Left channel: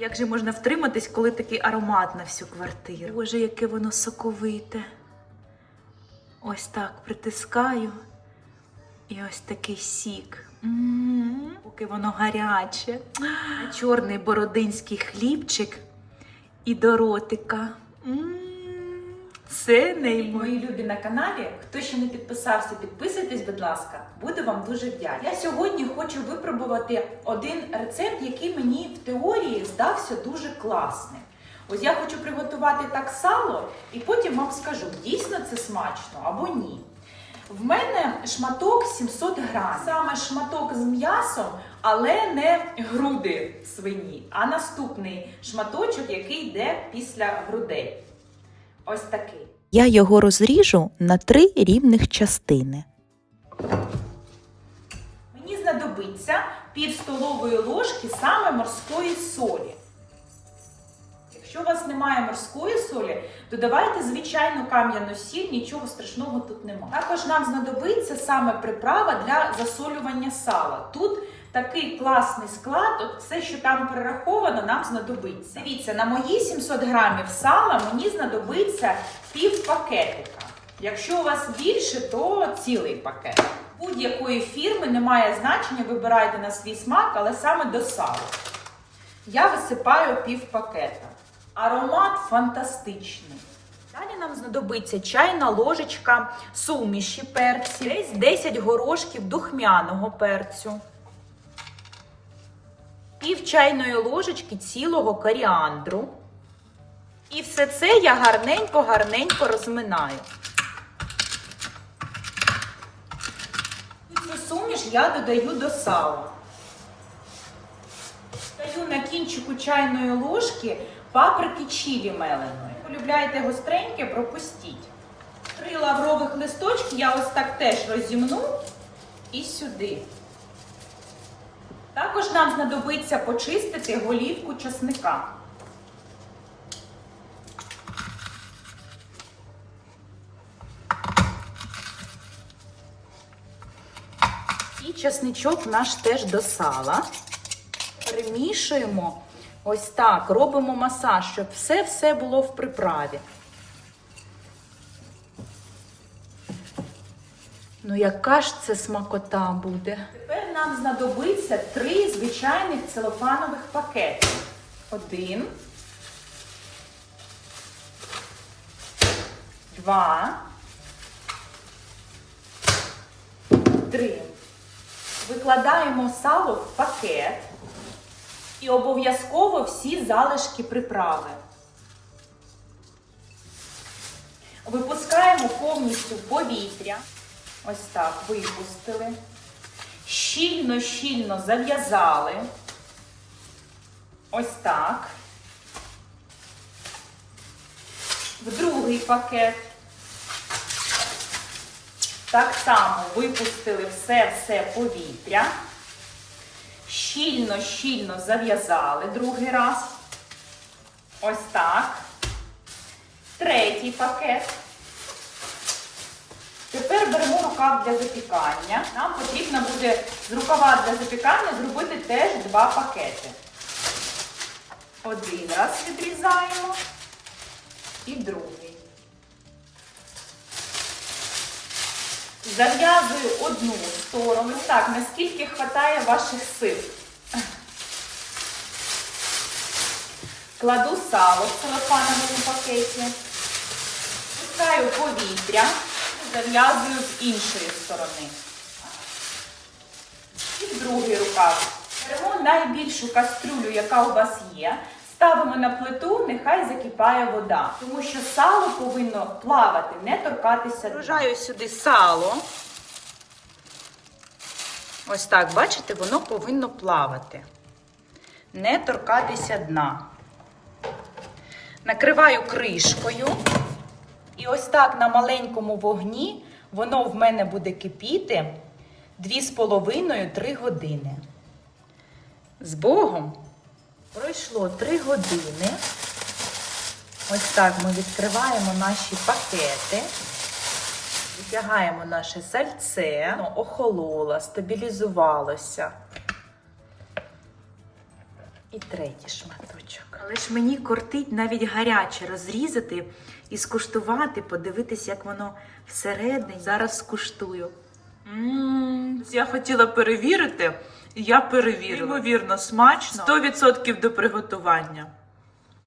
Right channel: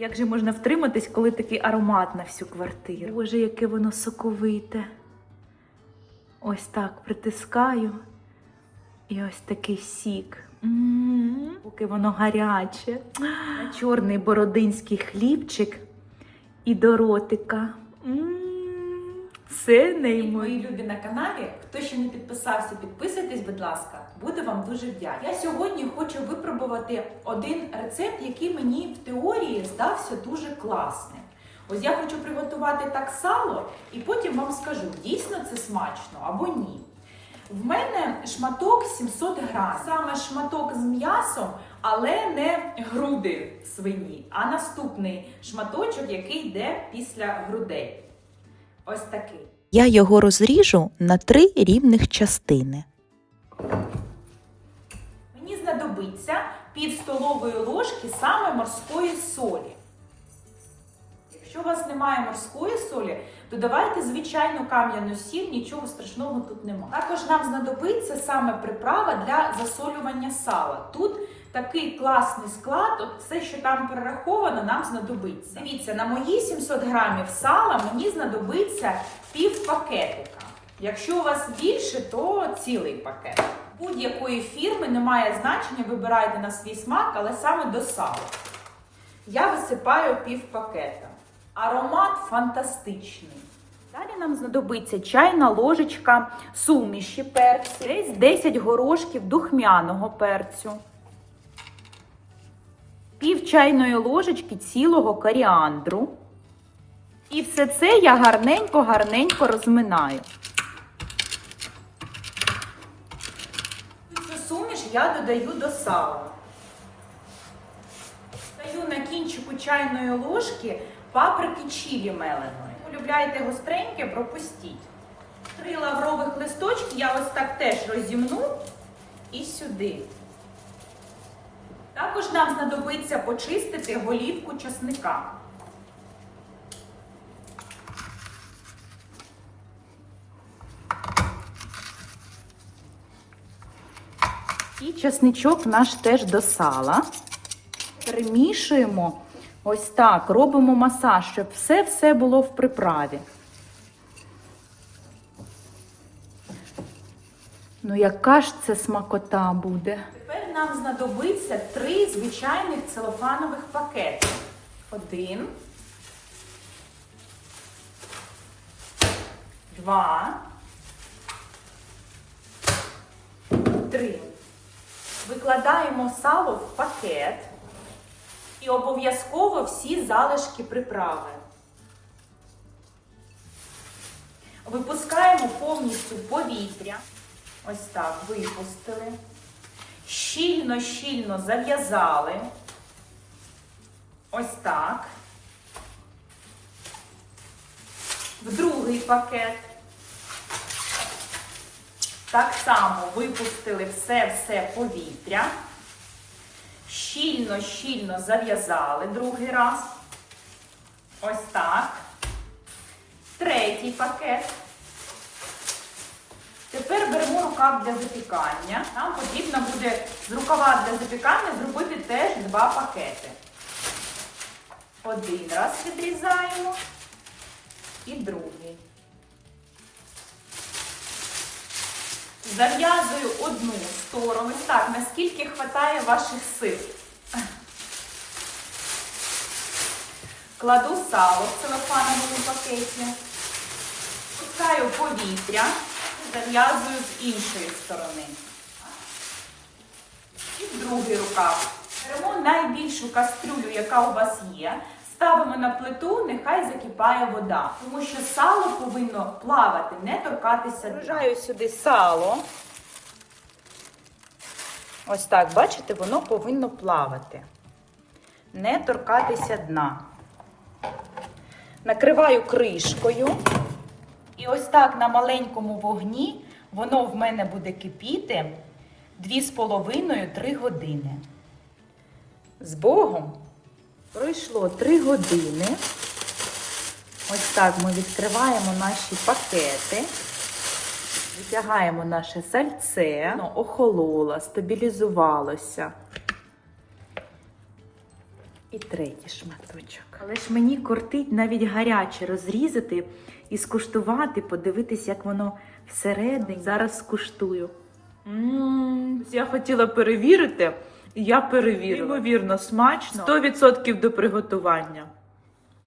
Як же можна втриматись, коли такий аромат на всю квартиру? Боже, яке воно соковите. Ось так притискаю. І ось такий сік. М, Поки воно гаряче. Чорний бородинський хлібчик і до ротика. М, Це неймовірно. Мої любі на каналі. Хто ще не підписався, підписуйтесь, будь ласка. Буду вам дуже вдячна. Я сьогодні хочу випробувати один рецепт, який мені в теорії здався дуже класним. Ось я хочу приготувати так сало, і потім вам скажу, дійсно це смачно або ні. В мене шматок 700 грам. Саме шматок з м'ясом, але не груди свині, а наступний шматочок, який йде після грудей. Ось такий. Я його розріжу на три рівних частини. Мені знадобиться пів столової ложки саме морської солі. Якщо у вас немає морської солі, то давайте звичайну кам'яну сіль, нічого страшного тут немає. Також нам знадобиться саме приправа для засолювання сала. Тут такий класний склад, от все, що там перераховано, нам знадобиться. Дивіться, на мої 700 грамів сала мені знадобиться пів пакетика. Якщо у вас більше, то цілий пакет. Будь-якої фірми немає значення, вибирайте на свій смак, але саме до сала. Я висипаю пів пакета. Аромат фантастичний. Далі нам знадобиться чайна ложечка суміші перцю, десь 10 горошків духмяного перцю, пів чайної ложечки цілого коріандру. І все це я гарненько-гарненько розминаю. І Цю суміш я додаю до сала. Даю на кінчику чайної ложки паприки чилі меленої. Полюбляєте гостреньке, пропустіть. Три лаврових листочки я ось так теж розімну і сюди. Також нам знадобиться почистити голівку часника. І часничок наш теж до сала. Перемішуємо ось так, робимо масаж, щоб все-все було в приправі. Ну, яка ж це смакота буде? Тепер нам знадобиться три звичайних целофанових пакети. Один. Два. Три. Викладаємо сало в пакет і обов'язково всі залишки приправи. Випускаємо повністю повітря. Ось так, випустили. Щільно-щільно зав'язали. Ось так. В другий пакет. Так само випустили все-все повітря. Щільно-щільно зав'язали другий раз. Ось так. Третій пакет. Беремо рукав для запікання. Нам потрібно буде з рукава для запікання зробити теж два пакети. Один раз відрізаємо і другий. Зав'язую одну сторону. Так, наскільки вистачає ваших сил. Кладу сало в целофановому пакеті. Пускаю повітря, зав'язую з іншої сторони. І другий рукав. Беремо найбільшу кастрюлю, яка у вас є. Ставимо на плиту, нехай закипає вода, тому що сало повинно плавати, не торкатися. Вружаю сюди сало. Ось так, бачите, воно повинно плавати, не торкатися дна. Накриваю кришкою. І ось так на маленькому вогні воно в мене буде кипіти 2,5-3 години. З Богом! Пройшло 3 години. Ось так ми відкриваємо наші пакети. Витягаємо наше сальце, воно охололо, стабілізувалося. І третій шматочок. Але ж мені кортить навіть гаряче розрізати і скуштувати, подивитись, як воно всередині. Зараз скуштую. Ммм, Я хотіла перевірити, і я перевірила. Неймовірно смачно. 100% до приготування.